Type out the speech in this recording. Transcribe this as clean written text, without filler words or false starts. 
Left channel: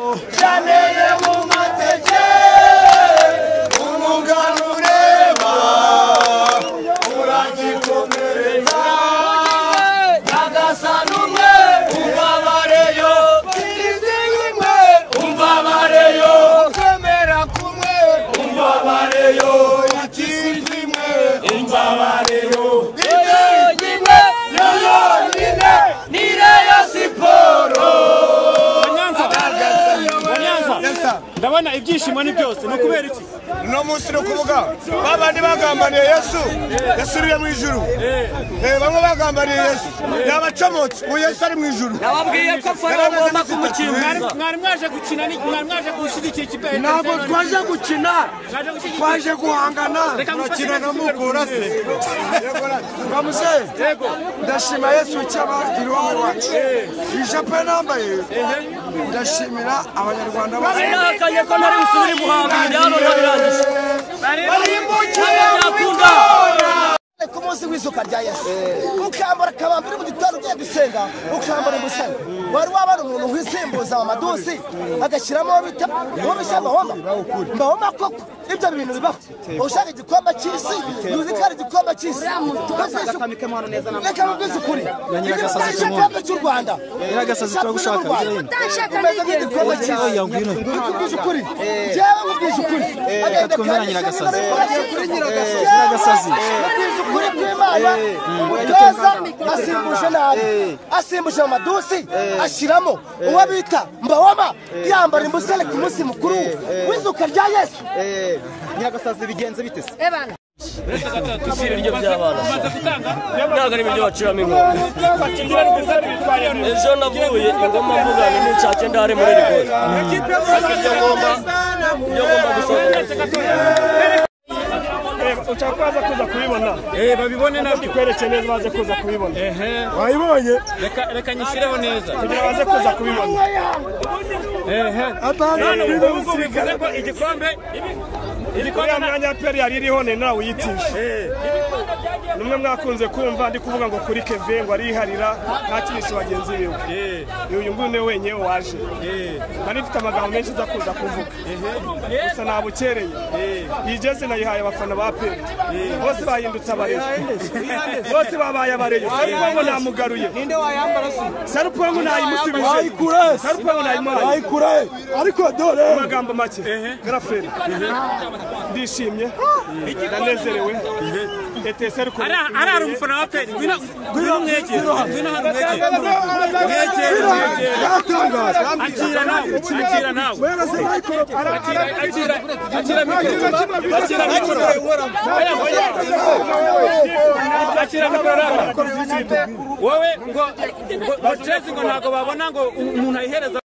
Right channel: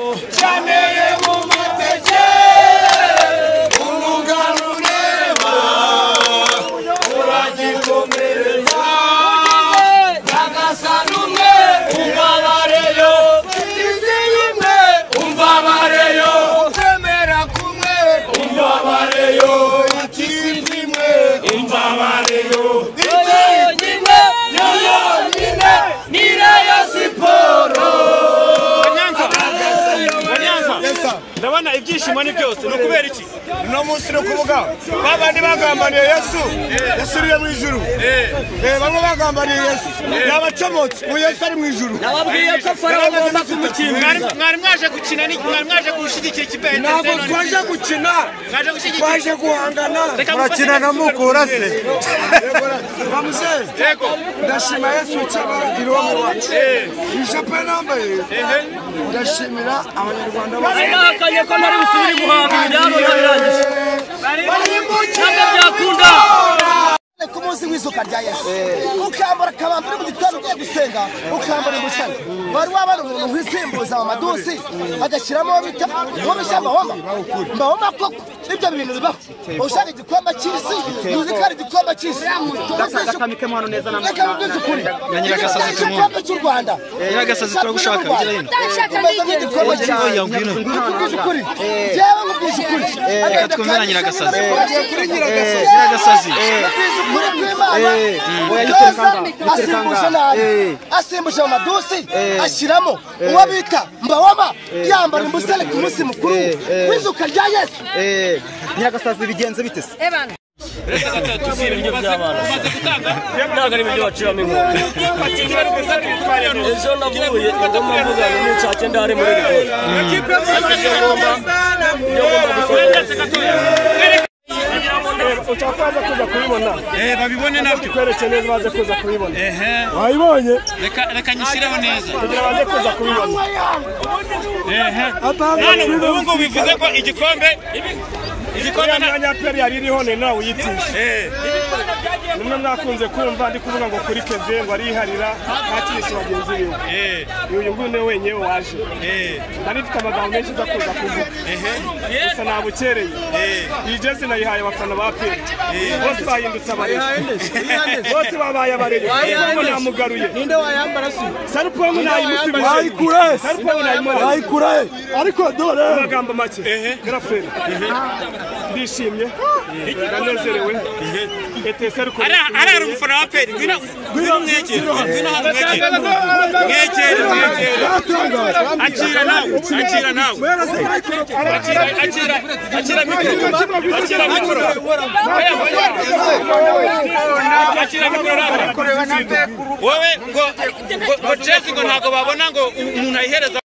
Chaneye mu mateke umuganureba uragikomereza nagasanumwe umbabareyo iziyimwe umbabareyo kwemera kumwe umbabareyo ikizimwe umbabareyo ikizimwe yonyine nireyo siporo. Ndabona ibyishimo ni byose no kubera iki no munsi no kuvuga babandi bagambaniye Yesu yasuriye mu ijuru bamwe bagambaniye Yesu yabacomotse mu Yesu ari mu ijuru nababwiye ko Farawo agomba kumukinga mwari mwaje gukina mwari mwaje gushigikira ikipe ntabwo twaje gukina twaje guhangana murakinaga mukura se bamuze ndashima Yesu cyabagiro wa wacu ijape nambaye ndashimira abanyarwanda bose nakanye ko muri usubiri muhanga byaro birangije bari mukina yakunda ku munsi w'izuka rya Yesu ukambara kabambira mu gitano ugiye gusenga ukambara imusana wari wabana umuntu wisimbuza amadusi agashyiramo bita uwo bishyamba mbahoma koko ibyo bintu bibaho ushaka igikombe cy'isi yuzi ko ari igikombe cy'isi reka mubwize ukuri igikombe cy'u Rwanda Nyiragasazi turagushaka bigira hino oya ngwino mubwize ukuri jewe mubwize ukuri reka twumvira Nyiragasazi Nyiragasazi kuri kw'Imana asimbuje nabi asimbuje amadusi ashyiramo uwo bita mbawama yambara imbusane ku munsi mukuru w'izuka rya Yesu. Nyiragasazi bigenze bite se tusire ibyo by'abana ntago ari ibyo baciramo inkono ejo navuye ingoma mvugana n'inshake ndare muri rigori ibyo ngomba gusohoza utakwaza kuza kubibona babibone nabyo kwereke neza baze kuza kubibona wayibonye reka nyishireho neza kugira baze kuza kubibona atanga ubwo bivuze ko igikombe mwanya peri yari iriho nawe uyitishe nimwe mwakunze kumva ndi kuvuga ngo kuri Keve ngo ariharira nta kintu bagenzi biwe uyu nguyu niwe wenyine waje nari mfite amagambo menshi nza kuza kuvuga gusa nabukereye iyi jezi nayihaye abafana ba peri bose bahindutse abarezi bose babaye abarezi Sarupongo namugaruye ninde wayambara Sarupongo nayimusubije Sarupongo nayimuhaye ariko dore amagambo make grafere bishimye banezerewe etese ariko ari umufana wa peri ngwino mwegere wowe ngo jezi ngo ntago babona ngo umuntu ayihereza